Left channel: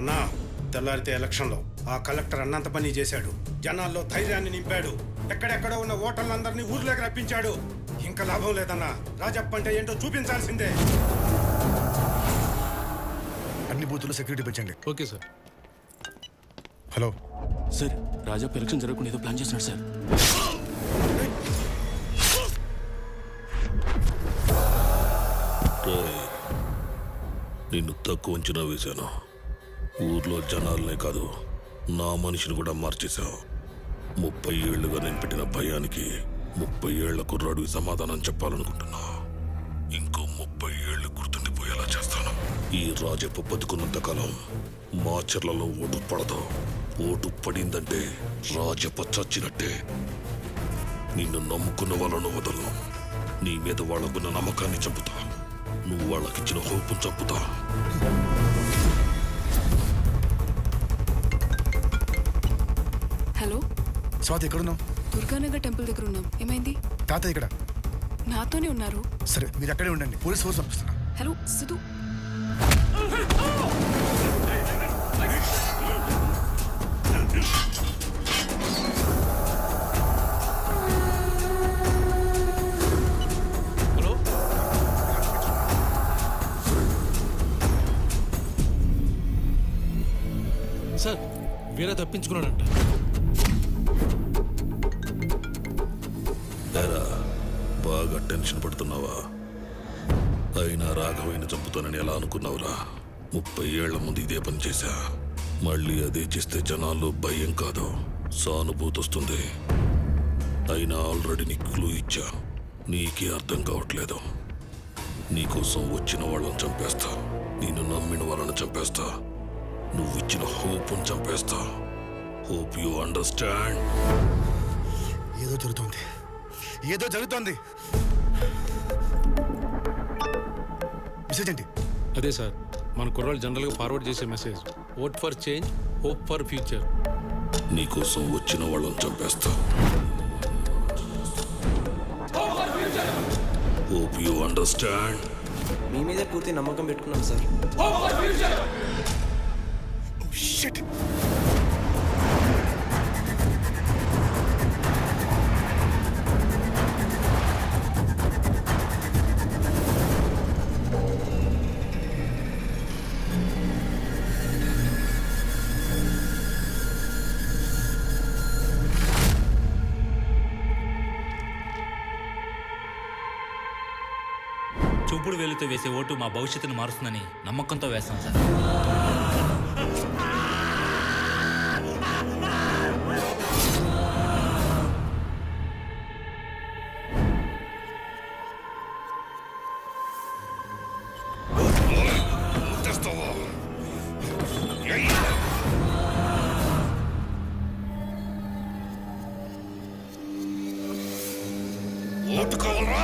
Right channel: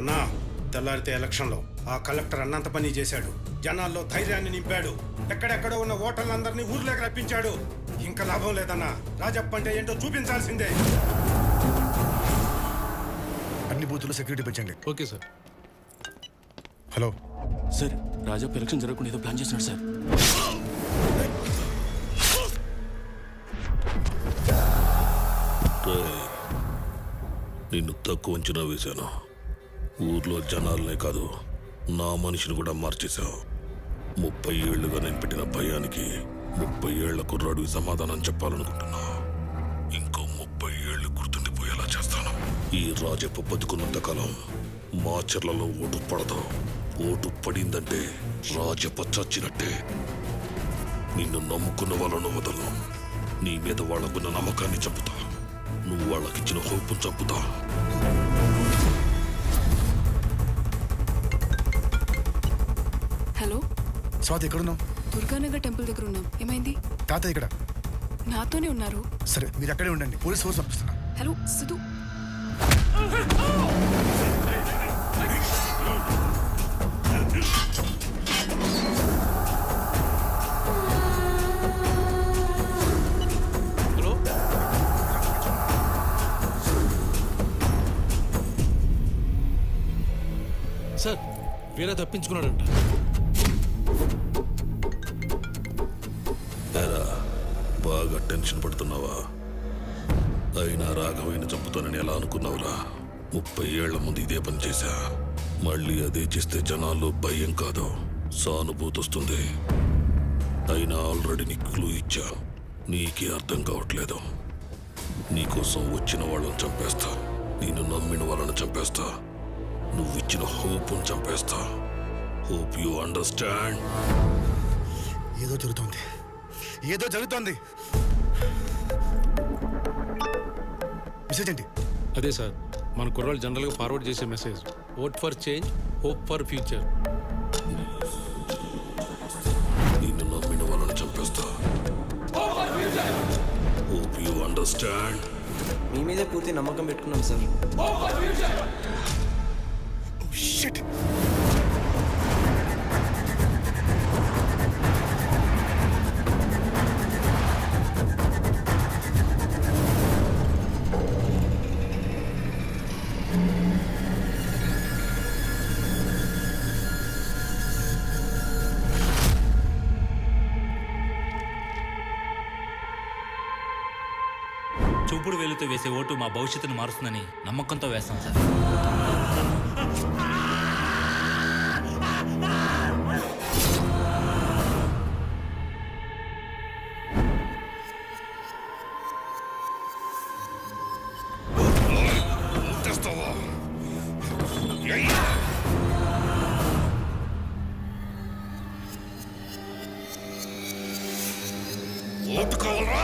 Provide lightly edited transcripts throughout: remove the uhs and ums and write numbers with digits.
అన్నా, తెల్లారితే ఎలక్షన్లో ఆ కలెక్టర్ అన్నంత పని చేశాడు. జనాల్లో ధైర్యాన్ని నింపాడు. ఎక్కడెక్కడో ఉన్న ఓటర్లందరినీ ఊర్లోకి రప్పించాడు. ఇంకా లాభం లేదన్నా. రాజప్ప అంటే ఏంటో చూపించాల్సిందే. అన్ని బూతుల్లో సెక్యూరిటీ పెంచండి. Okay sir. Hello sir, Rajappa election జరగకుండా ఏదో ప్లాన్ చేస్తున్నాడు సార్. నిన్ను తక్కువ అంచనా వేశాను. ఊర్లో జనాలనే కాదు, నా మనిషిని కూడా మార్చేశావు. 30 ఏళ్లుగా నేను పెట్టిన భయానికి 30 ఏళ్ల కుర్రాడికి సమాధానం చెప్పాలనుకుంటున్నా. ఇంకో 30 ఏళ్లు గుర్తుండిపోయేలా చేస్తాను. ఈ రాజప్ప బతుకున్నంతకాలం మాచర్లలో ఓటు పడదు. ఓటు పడిందంటే రాజప్ప చచ్చినట్టే. నిన్ను నమ్ముకున్న వాళ్ళను వదలను. నీ మీద వాళ్ళకున్న నమ్మకాన్ని చంపుతా. నువ్వు వాళ్ళకిచ్చిన హోపు చంపుతా. హలో స్వాతి, ఎక్కడున్నావు? దుర్గానగర్ టెంపుల్ దగ్గర ఉన్నాం. ఏమైంది? తాతయ్య ఇక్కడ. నాతోనే ఉన్నారు. సరే, మీరు అక్కడే ఉండండి. పోలీస్ ఫోర్స్ పంపిస్తున్నా. Hello Siddhu. Hello sir, Veera తప్పించుకున్నాడంట. ఏరా, బాగా టెన్షన్ పడుతున్నావా? అయినా రాఘవయ్యని చంపుతానని ఎలా అనుకున్నావురా? 30 ఏళ్ల ముందు ఇదే పని చేశా. మళ్ళీ అదే చేస్తే జనాల్లో భయం కాదు, సానుభూతి వస్తుంది. అయినా ఆల్రెడీ నీకు క్లూ ఇచ్చా. నీకే అర్థం కావట్లేదు. నీకోసం వచ్చిన వాళ్ళని చంపేస్తా. నేను నమ్మిన వాళ్ళని చంపేస్తా. నువ్విచ్చిన హోప్ని చంపేస్తా. Hope you understand. ఏదో జరుగుతోంది, ఏదో జరుగుతోంది. మెసేజ్ ఏంటి? అదే సార్, మన కుర్రాళ్ళు జనరల్గా ఫార్వర్డ్ చేసే message. Vote for change, hope for future. నీకోసం వచ్చిన వాళ్ళని చంపేస్తా. నిన్ను నమ్మిన వాళ్ళని చంపేస్తా. Hope you understand. మీ మీదే పూర్తి నమ్మకం పెట్టుకున్నాం సార్. షిట్. చూపుడు వేలుతో వేసే ఓటు మా భవిష్యత్తును మారుస్తుందని నమ్మకంతో వేస్తాం సార్. ఓటు కావాలరా?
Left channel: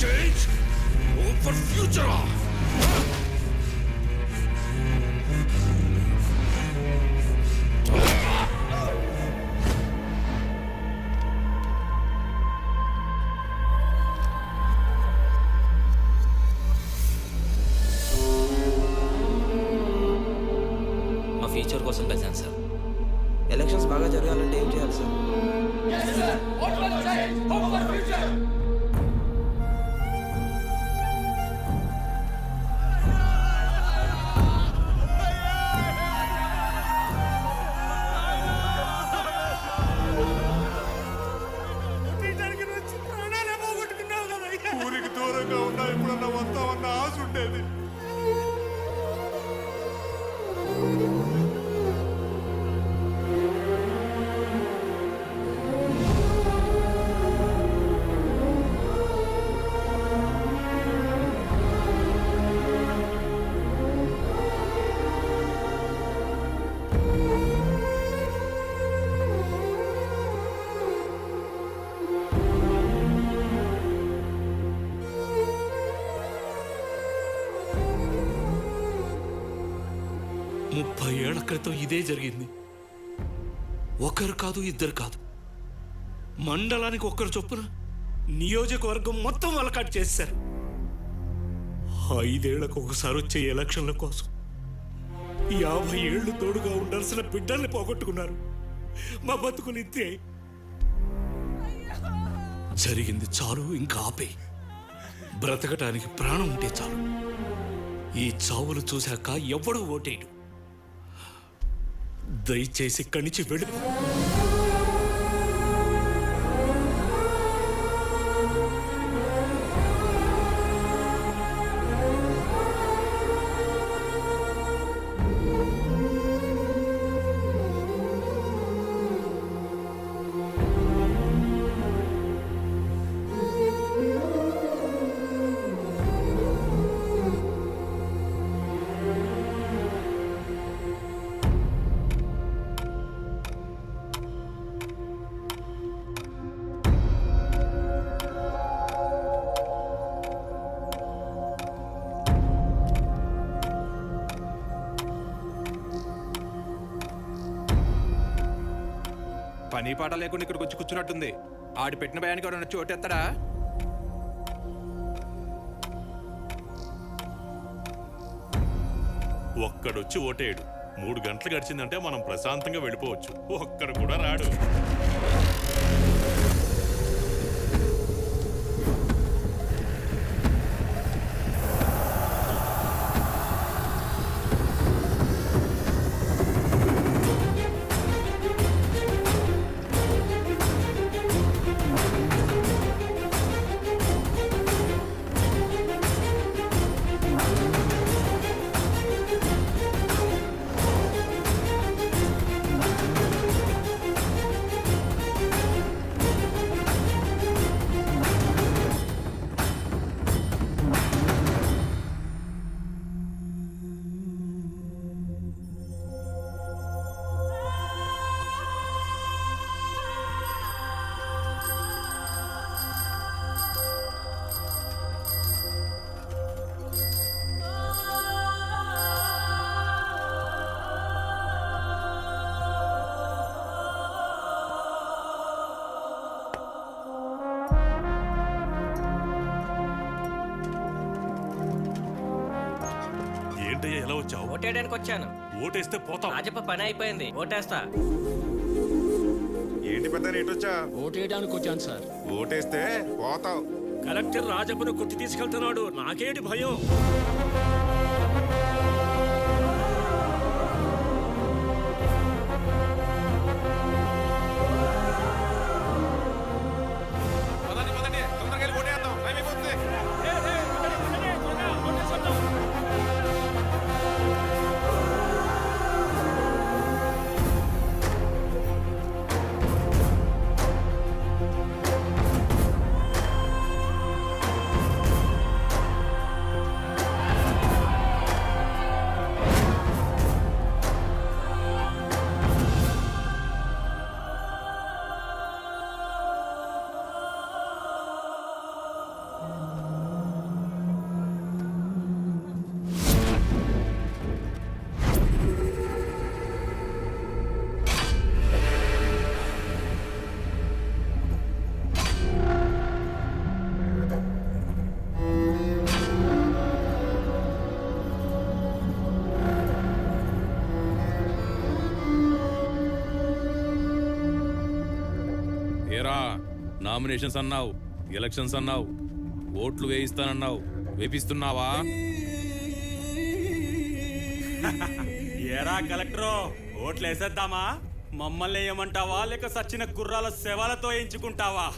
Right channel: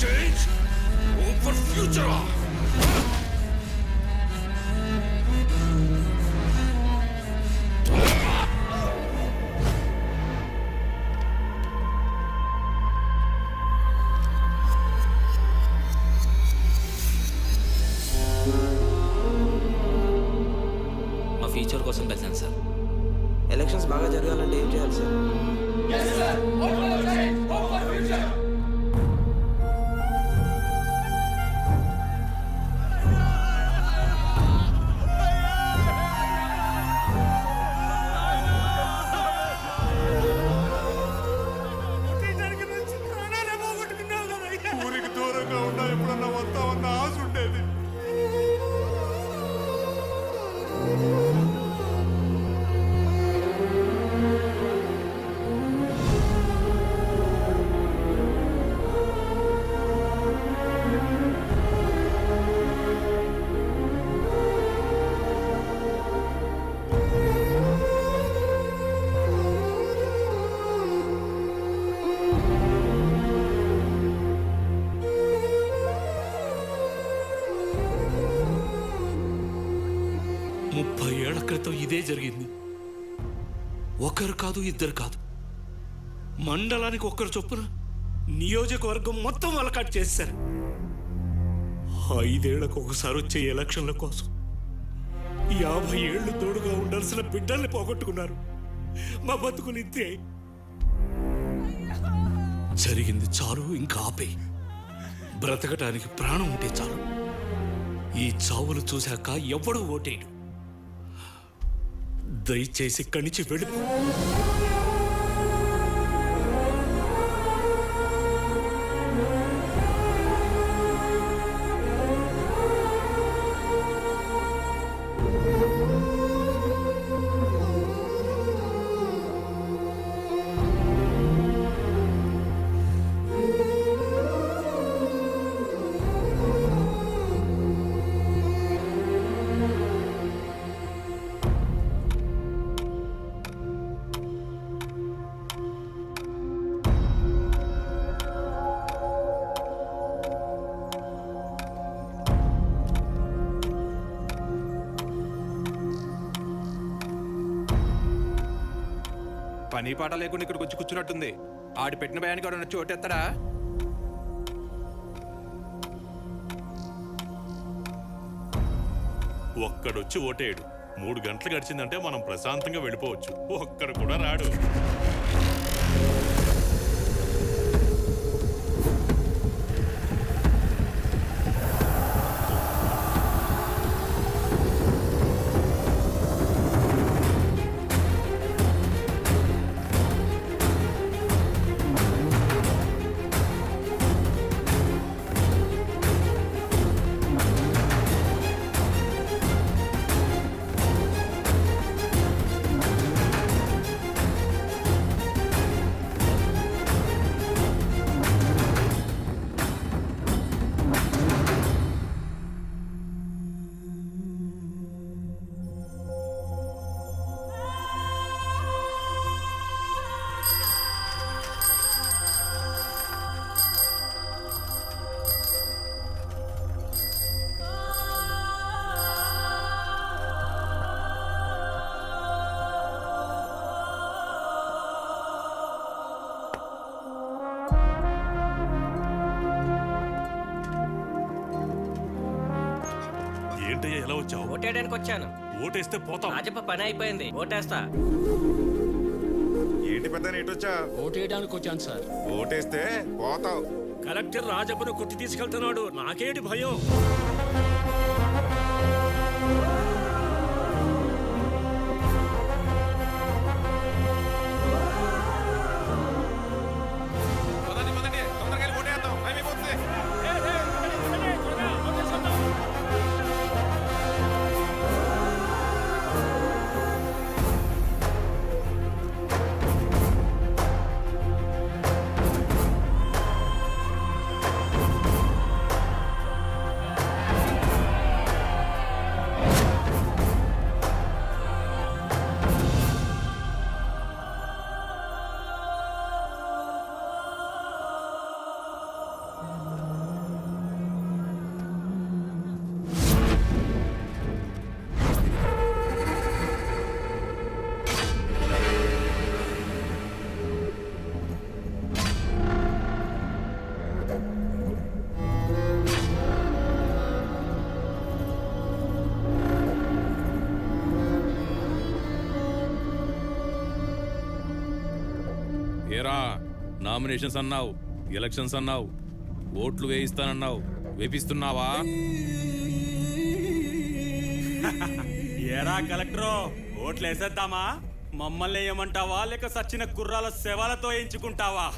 Change, hope for future. మా ఫ్యూచర్ కోసం కలిసాను సార్. ఎలక్షన్స్ బాగా జరగాలంటే ఏం చేయాలి సార్? ఊరికి దూరంగా ఉన్నా ఎప్పుడన్నా వస్తామన్న ఆశ ఉండేది. ముప్పై ఏళ్ల క్రితం ఇదే జరిగింది. ఒకరు కాదు, ఇద్దరు కాదు, మండలానికి ఒక్కరు చొప్పున నియోజకవర్గం మొత్తం వలకాటు చేశారు. 5 ఏళ్లకు ఒకసారి వచ్చే ఎలక్షన్ల కోసం 50 ఏళ్లు తోడుగా ఉండాల్సిన బిడ్డల్ని పోగొట్టుకున్నారు. మా బతుకులు ఇంతే. జరిగింది చాలు, ఇంకా ఆపే. బ్రతకటానికి ప్రాణం ఉంటే చాలు. ఈ చావులు చూశాక ఎవ్వడూ ఓటేయడు. దయచేసి ఇక్కడి నుంచి వెళ్ళిపో. పని పాట లేకుండా ఇక్కడికి వచ్చి కూర్చున్నట్టుంది. ఆడి పెట్టిన భయానికి ఎవరైనా వచ్చి ఓటేస్తాడా? ఒక్కడొచ్చి ఓటేయడు. 3 గంటలు గడిచిందంటే మనం ప్రశాంతంగా వెళ్ళిపోవచ్చు. ఒక్కడు కూడా రాడు. ఏంటయ్యా ఎలా వచ్చావు? ఓటేయడానికి వచ్చాను. ఓటేస్తే పోతావు. రాజప్ప పని అయిపోయింది, ఓటేస్తా. ఏంటి పెద్ద ఎటొచ్చా? ఓటేయడానికి వచ్చాను సార్. ఓటేస్తే పోతావు. కలెక్టర్ రాజప్పను కొట్టి తీసుకెళ్తున్నాడు. నాకేంటి భయం? ఏరా, నామినేషన్స్ అన్నావు, ఎలక్షన్స్ అన్నావు, ఓట్లు వేయిస్తానన్నావు, వేపిస్తున్నావా? ఏరా కలెక్టరు, ఓట్లు వేసేద్దామా? మమ్మల్ని ఏమంటావా, లేక సచ్చిన కుర్రాల శవాలతో ఎంచుకుంటావా?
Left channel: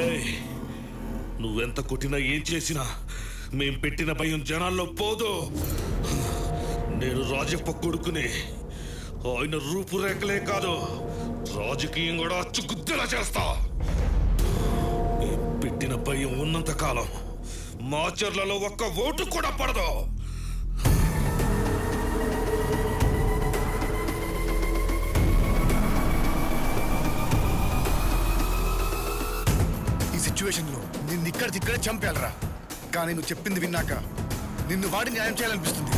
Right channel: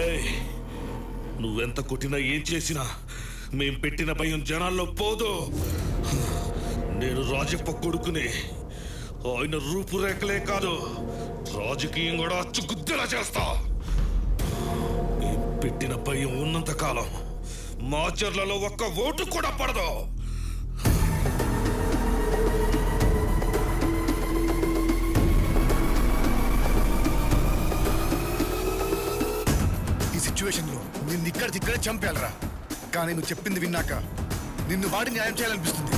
ఏయ్, నువ్వెంత కొట్టినా ఏం చేసినా మేం పెట్టిన భయం జనాల్లో పోదు. నేను రాజప్ప కొడుకుని. ఆయన రూపురేఖలే కాదు, రాజకీయం కూడా అచ్చుగుద్దేలా చేస్తా. మేం పెట్టిన భయం ఉన్నంత కాలం మాచర్లలో ఒక్క ఓటు కూడా పడదు. ఈ సిచ్యువేషన్ లో నిన్ను ఇక్కడికిక్కడే చంపేయాలరా. కానీ నువ్వు చెప్పింది విన్నాక నిన్ను వాడి న్యాయం చేయాలనిపిస్తుంది.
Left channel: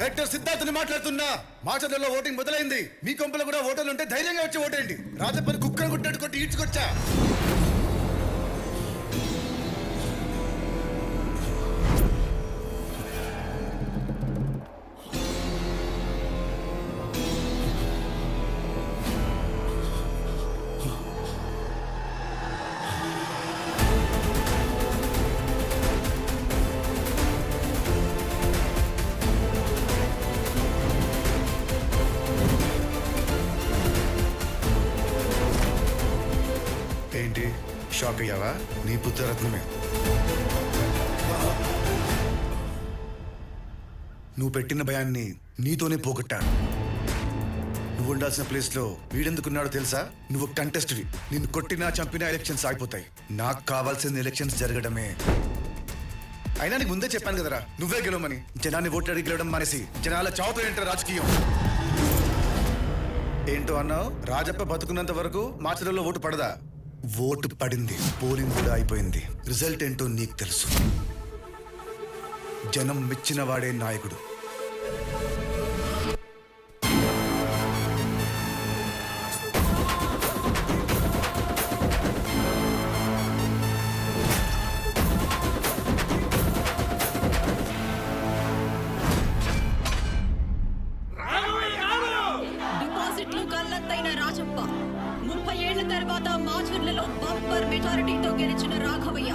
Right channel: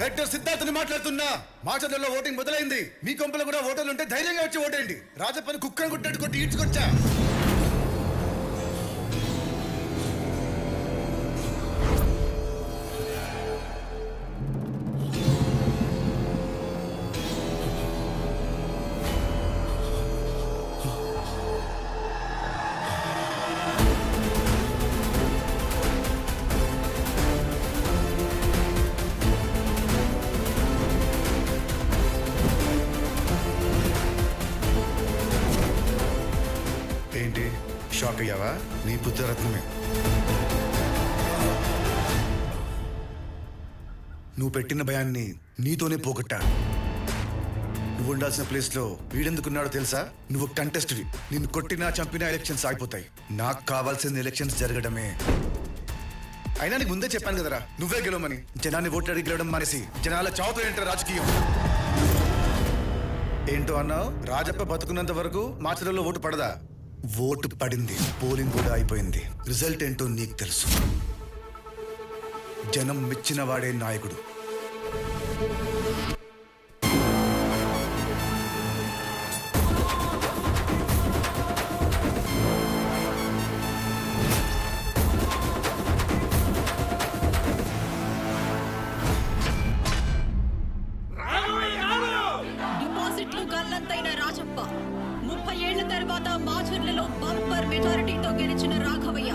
కలెక్టర్ సిద్ధార్థని మాట్లాడుతున్నా. మాచర్లలో ఓటింగ్ మొదలైంది. మీ కొంపలో కూడా ఓటర్లు ఉంటే ధైర్యంగా వచ్చి ఓటేయండి. రాజప్పని కుక్కను కొట్టినట్టు కొట్టి ఈడ్చుకొచ్చా. ఏంటి షాక్ అయ్యావా? నీ పుత్రరత్నమే. నువ్వు పెట్టిన భయాన్ని నీతోనే పోగొట్టా. నువ్వు ఉండాల్సిన ప్లేస్ లో వీడెందుకున్నాడో తెలుసా? నువ్వు కంటెస్ట్వి. నిన్ను కొట్టినా చంపినా ఎలక్షన్స్ ఆగిపోతాయి. నాకు కావాల్సిన ఎలక్షన్స్ జరగడమే. అయినా నీకు ముందే చెప్పాను కదరా, నువ్వే గెలవమని. జనాన్ని ఓట్లు అడిగి గెలవడం మానేసి జనాల చావుతో ఏంటో రాజకీయం. ఏంటో అన్నావు? రాజప్ప బతుకున్నంత వరకు మాచర్లలో ఓటు పడదా? ఓటు పడింది, పోలింగ్ కూడా అయిపోయింది. రిజల్ట్ ఏంటో నీకు తెలుసు. జనం మెచ్చిన వాడే నాయకుడు. డిపాజిట్లు గల్లంతైన రాజప్ప 30 ఏళ్ల తర్వాత మాచర్లలో బంపర్ మెజారిటీతో గెలిచిన రాఘవయ్య